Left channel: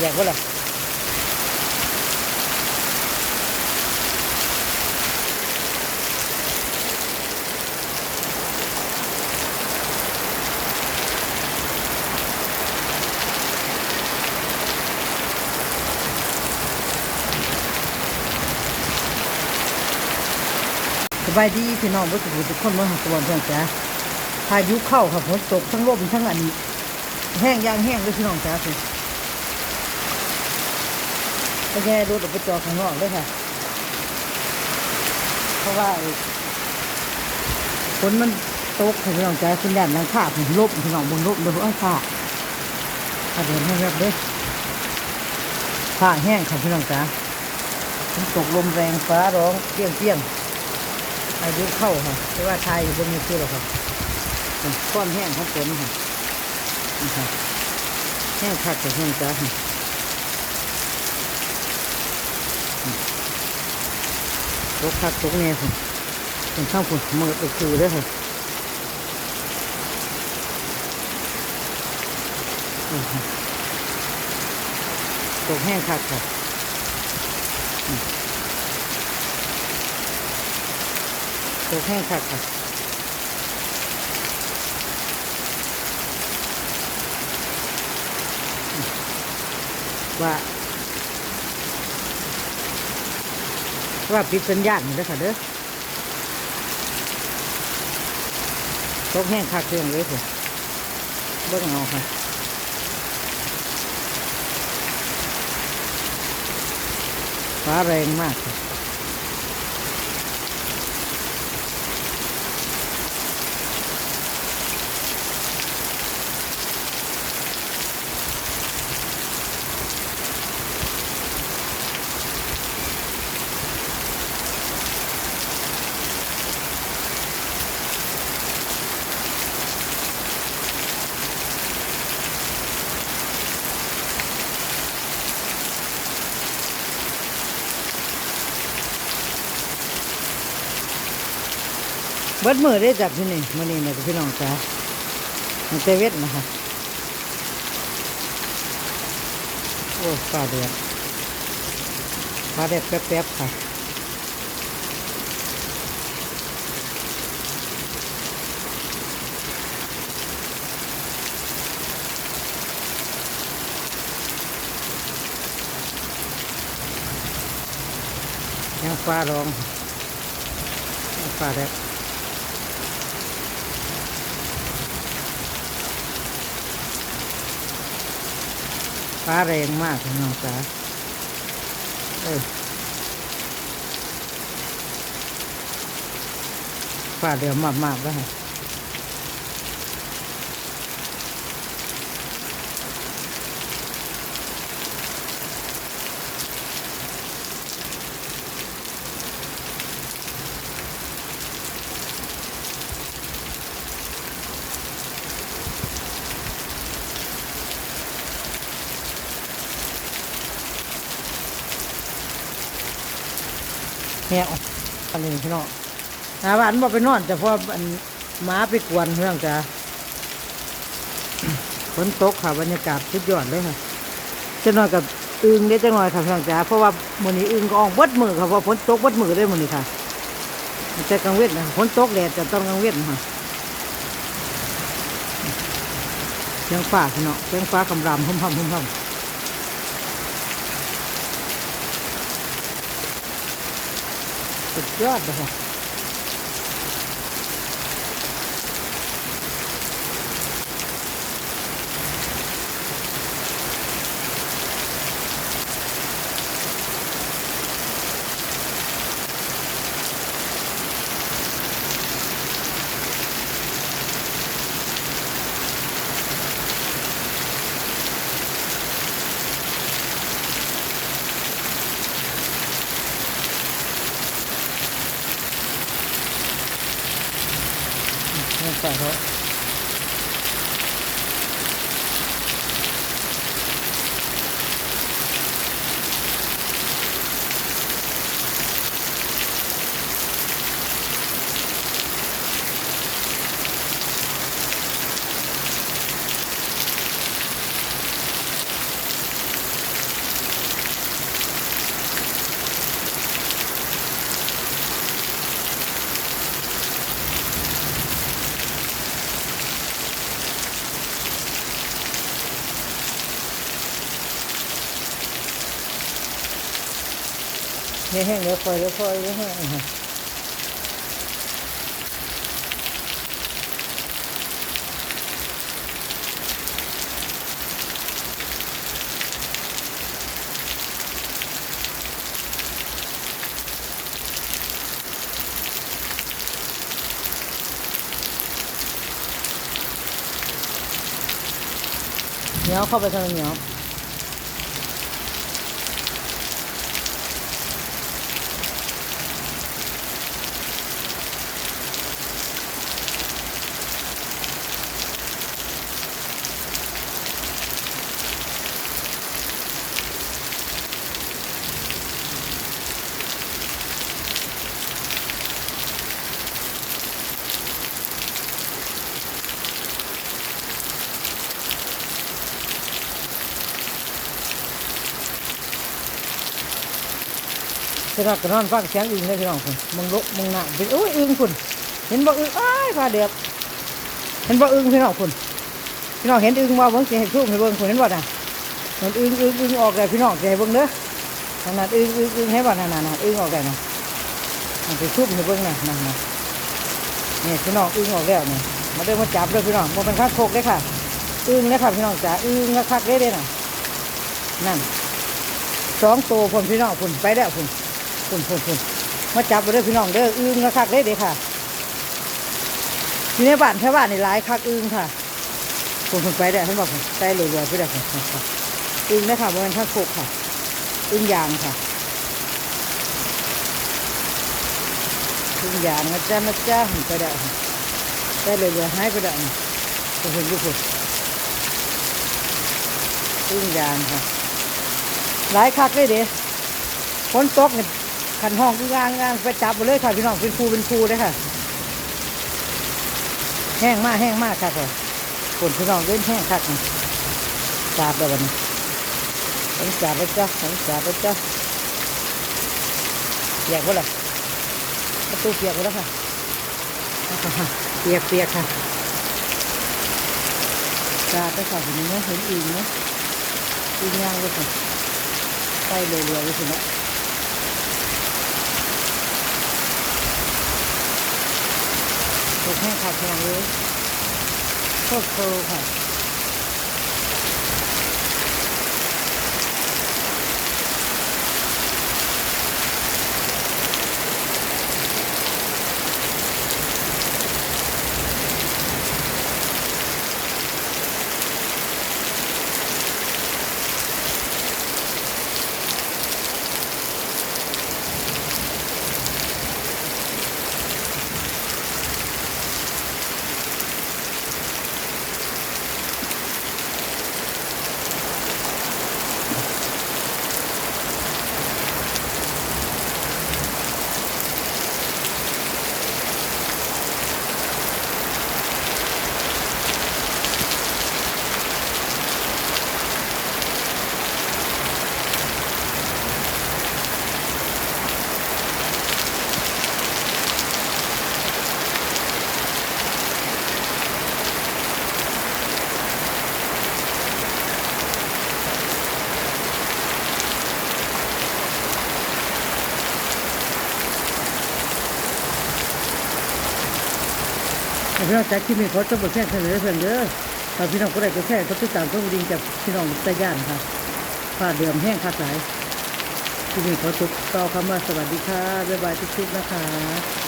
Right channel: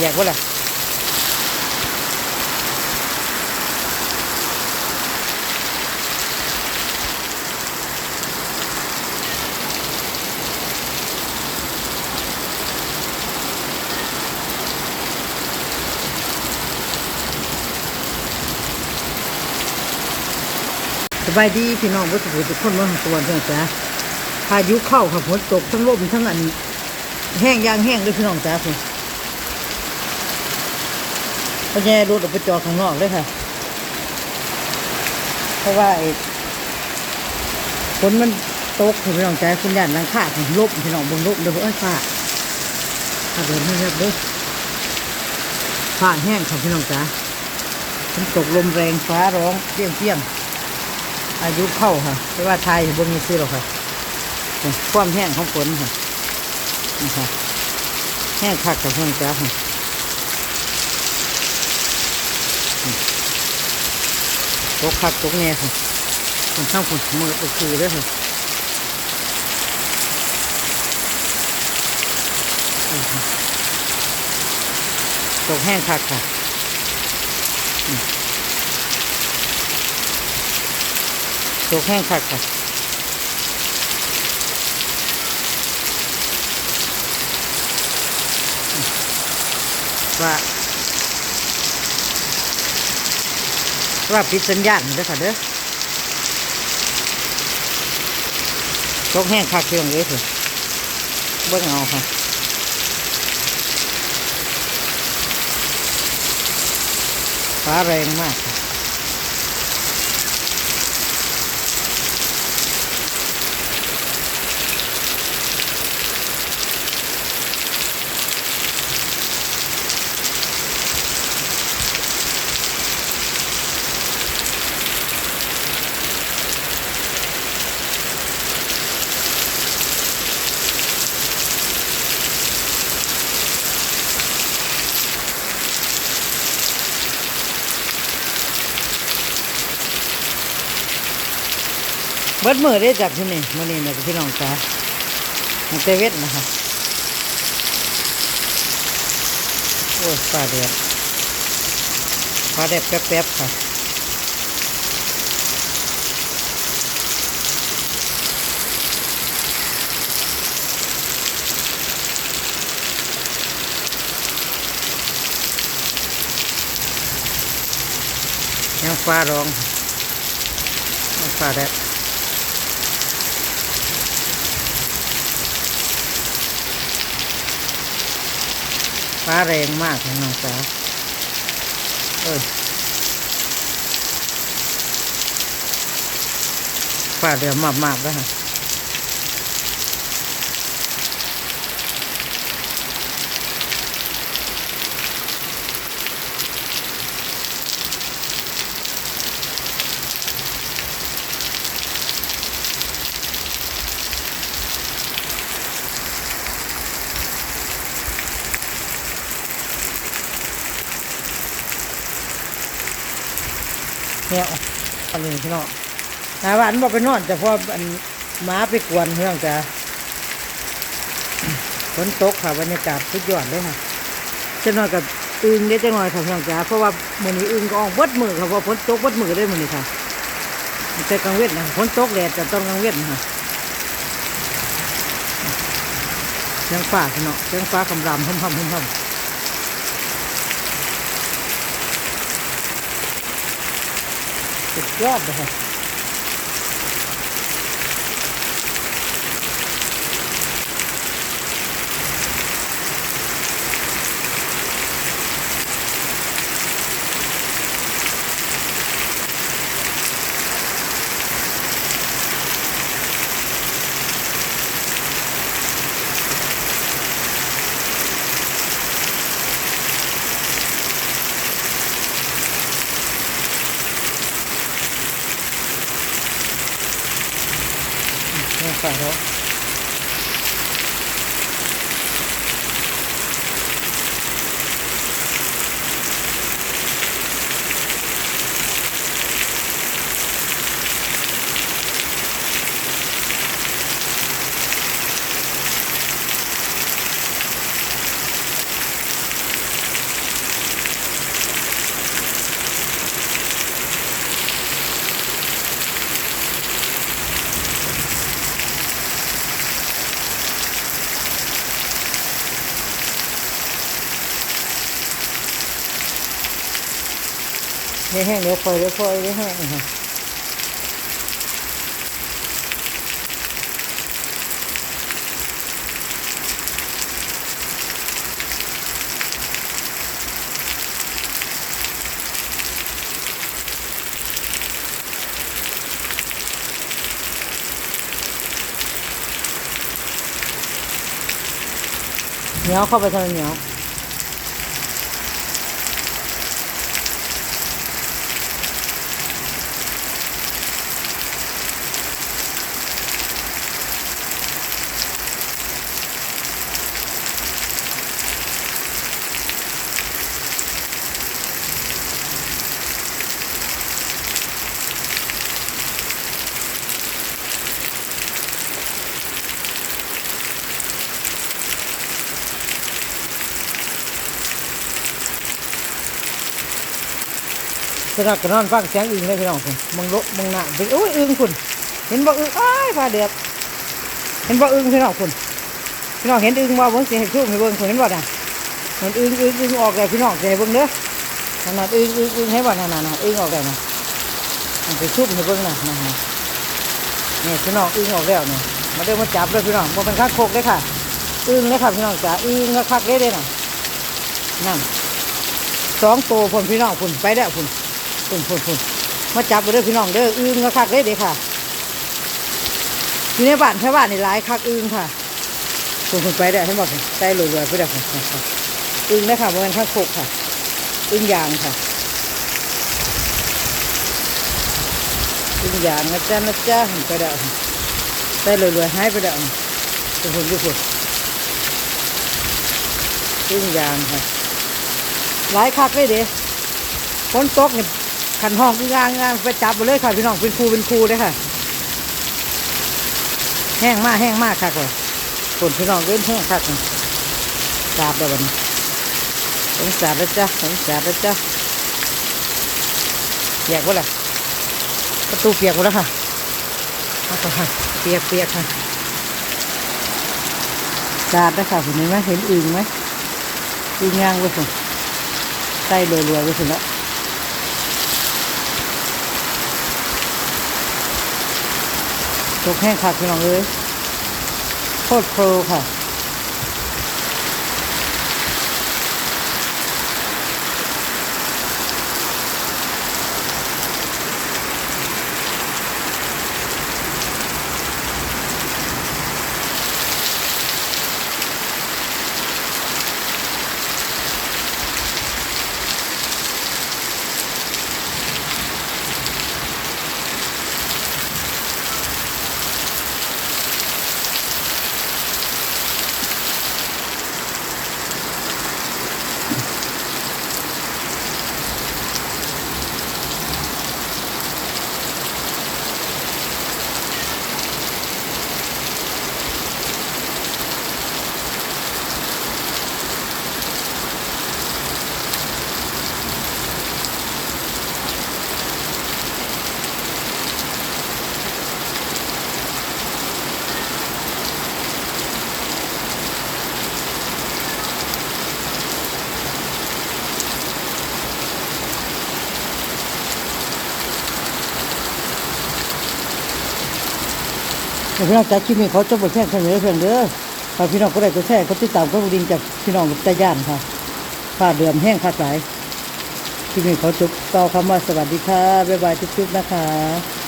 แยกว่าล่ะสบายดีพี่น้องวัสดุทุกคนเมื่อของสวเพื่อนจ้าพายุเข้าค่ะฝนตกทั้งลมทั้งอันแห้งยางแห้งเลยพี่น้องจ้าคุณ แย่รถออกไปจอดข้างนอกเลยค่ะ เพราะว่าฝนมันตกค่ะพี่น้องจ้คุณยานหลังคาผมลบพี่น้องบนลบเดี๋ยวเอ้ยฟ้าถ้าเดินไม่แบบเลยฟ้าแห้งค่ะพี่น้องจ้าฝนตกลมแรงฟ้าร้องเปี้ยงเปี้ยงอายุเข้าค่ะไม่ว่าไทยบ่มีซื้อหรอกค่ะความแห้งของฝนค่ะนี่ค่ะแห้งคักกับแห้งจ้าค่ะนี่ ตกคักตกแน่ค่ะคนข้างฝนมืดก็คือเลยค่ะนี่ค่ะตกแห้งคักค่ะตกแห้งคักค่ะว่า ว่าปิดสัญญาณเด้อค่ะเด้อตกแห้งคักเพียงเลยสิเบิ่งเอาค่ะฟ้าแรงมากค่ะ บิดมือได้จับที่นี่มื่อนี้นะพี่น้องจ้าตั้งแต่เวทนะคะโอ้ยฟ้าเดือดฟ้าแดดแป๊บๆค่ะยังฟ้าร้องยังฟ้าแดด ฟ้าแรงมากน้องจ๋าเอ้ยฟ้าเดือดมากๆแล้วค่ะ เนี่ยอันนี้พี่น้องหาวันบอกไปนอนจะเพราะอันหม้าไปกวนเรื่องจ้าฝนตกค่ะบรรยากาศสุดยอดเลยค่ะจะนอนกับอึงได้จังหน่อยค่ะพี่องจ้าเพราะว่ามื้อนี้อึงก็ออกเบิดมือค่ะเพราะฝนตกเบิดมือเลยมื้อนี้ค่ะแต่กลางเว้นะฝนตกแดดจะต้องกลางเว้นค่ะเสียงฟ้าพี่น้องเสียงฟ้าคำรามพุ่มพำพุ่มพำ สุด ยอ ดเลยค่ะนี่ฝ่าเขาดี๋ยวแห้งเดี๋ยวค่อยเดี๋ยวค่อยเดี๋ยวแห้งค่ะเหนียวเข้าไปทางเหนียว พี่น้องก็นอนฟังเสียงอึ่งเลยพี่น้องคุณมึงลุมึงหนาไปโอ้ยอึ่งคุณเห็นบ่อึ่งอ้ายพาเดียบเห็นบ่อึ่งพี่น้องคุณพี่น้องเห็นอึ่งบ่เบิ่งสิให้ชูมให้เบิ่งคุณเห็นบ่น่ะมันอึ่งอึ่งอึ่งออกเลยพี่น้องให้เบิ่งเด้อนั่นน่ะอึ่งอึ่งอึ่งให้บ่นั่นน่ะน่ะอึ่งออกเลยน่ะมันไปชูมให้เบิ่งน่ะนั่นน่ะนี่พี่น้องอึ่งออกแล้วนี่ยมาเด้อมาจับเด้อพี่น้องบ่เป็นข้างโคกเด้อค่ะ อึ่งเด้อค่ะพี่น้องจ๋าอึ่งก็คักเด้อเด้น่ะนั่นสองตัวพุ่นพี่น้องพุ่นไปแล้วพุ่น พุ่นพุ่นพุ่นมาจับไปเด้อพี่น้องเด้ออึ้งก็คักเด้เด้ค่ะ อยู่ในบ้านแค่บ้านในหลายคักอึ้งค่ะพุ่นพุ่นไปได้ให้บอกใจรวยๆไปได้พุ่นพุ่นอึ้งนะคะบริเวณข้างโคกค่ะ อึ้งยางค่ะ อึ้งยางนะจ๊ะนะจ๊ะไปได้อใจรวยๆหายไปได้พุ่นพุ่นพุ่นอยู่พุ่นอึ้งยางค่ะ หลายคักเลยเด้ฝนตกเนี่ย ขันห้องที่งานงานไปจับไปเลยค่ะพี่น้องเป็นครูเป็นครูเลยค่ะ แห้งมากแห้งมากค่ะก่อนฝนพี่น้องเล่นแห้งคักนี่สาบแล้ววันนี้ผมสาบแล้วจ้ะผมสาบแล้วจ้ะเปียกวะล่ะประตูเปียกหมดแล้วค่ะเปียกเปียกค่ะสาบแล้วค่ะเห็นไหมเห็นอึงไหมอึงย่างไว้ค่ะใต้เรือๆไว้ถึงแล้ว ตกแห้งขาดพี่น้องเลยโคตรโคค่ะ พี่น้องจากคลิปนี้เขาจะบทแท่งเสนอเพื่อนเด้อฝากพี่น้องก็ได้จะแท่งก็ติดตามก็ดิงจากพี่น้องใจย่านค่ะค่าเดือมแห้งค่าสายคลิปนี้เขาจบต่อคำว่าสวัสดีค่ะบ๊ายบายทุกๆนะคะ